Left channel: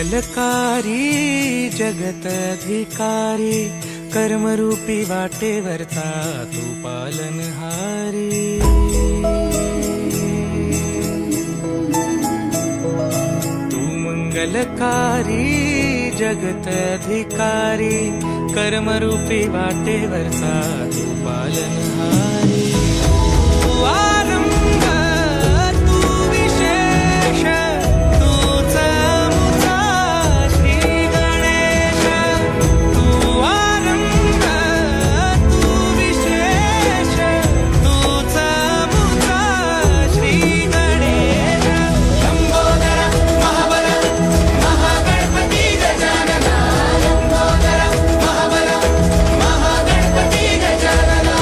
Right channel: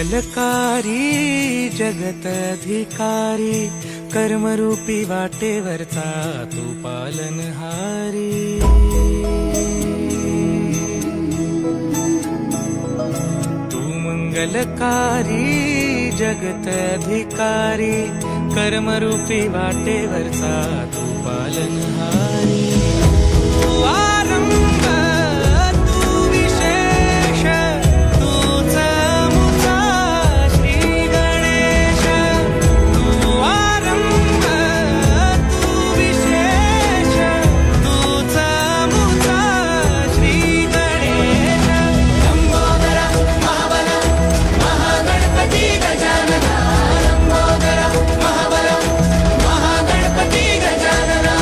मंगलकारी जगत अधिकारी, कर्मरूपी वाटेवरचा तू पालनहारी। तू मंगलकारी जगत अधिकारी, कर्मरूपी वाटेवरचा तू पालनहारी। तू आरंभ तू विशेष, तूच मुचा श्री गणेश। तू आरंभ तू विशेष, तूच मुचा श्री गणेश। लंबोदर महाबल महागणपती गजानना, लंबोदर महाबल महागणपती गजानना।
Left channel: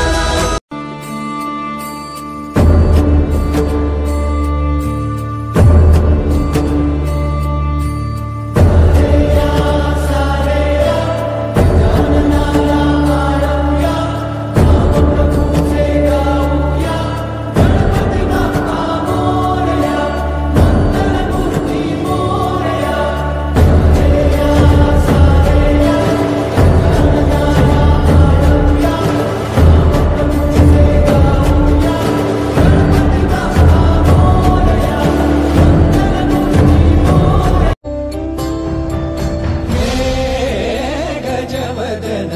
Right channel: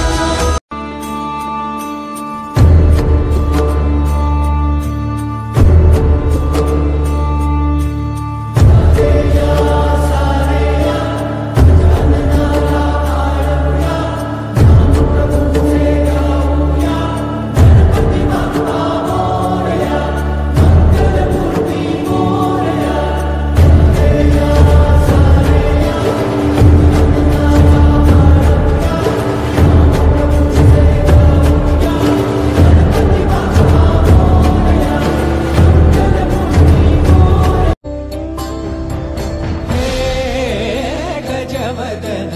गजवदन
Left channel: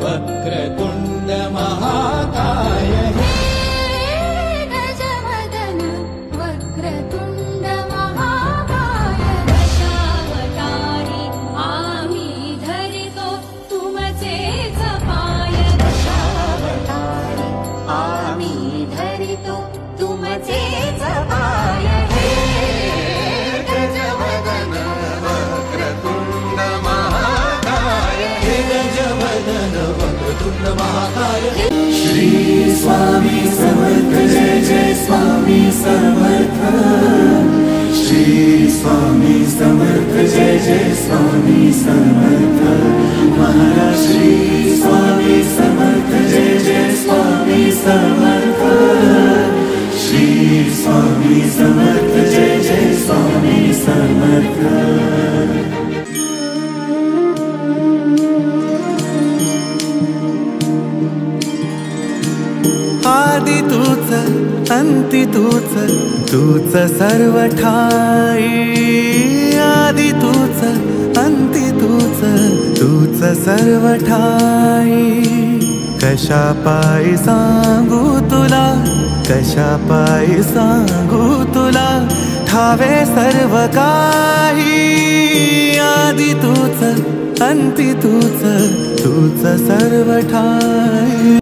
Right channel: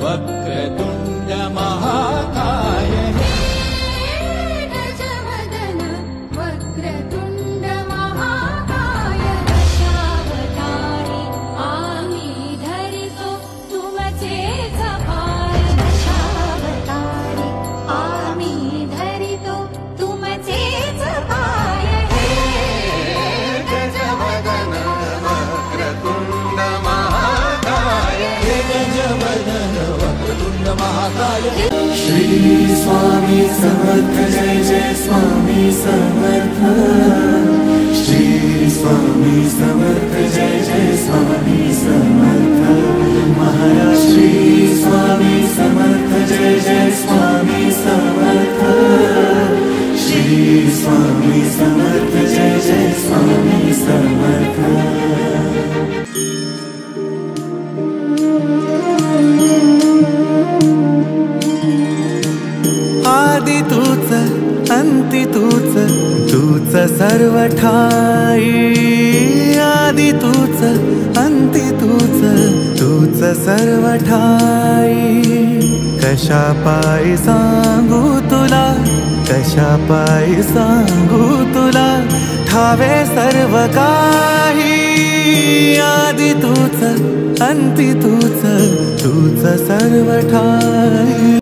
वक्रतुंड महाकाय, गजवदन वक्रतुंड महाकाय। दशावतारी आम्ही धरितो तुमचेच पाय, दशावतारी आम्ही धरितो तुमचेच पाय। गजवदन वक्रतुंड महाकाय, गजवदन वक्रतुंड महाकाय। श्री स्वामी समर्थ जय जय स्वामी समर्थ। श्री स्वामी समर्थ जय जय स्वामी समर्थ। महाराज श्री स्वामी समर्थ जय जय स्वामी समर्थ। श्री स्वामी समर्थ जय जय स्वामी समर्थ। आदि तूच अंती तूच, तूच सर्व ठाई। आदि तूच अंती तूच, तूच सर्व ठाई। कशा पायी सांगू तुला, कशा पायी सांगू तुला, ठावे सर्व काही। आदि तूच अंती तूच, तूच सर्व ठाई।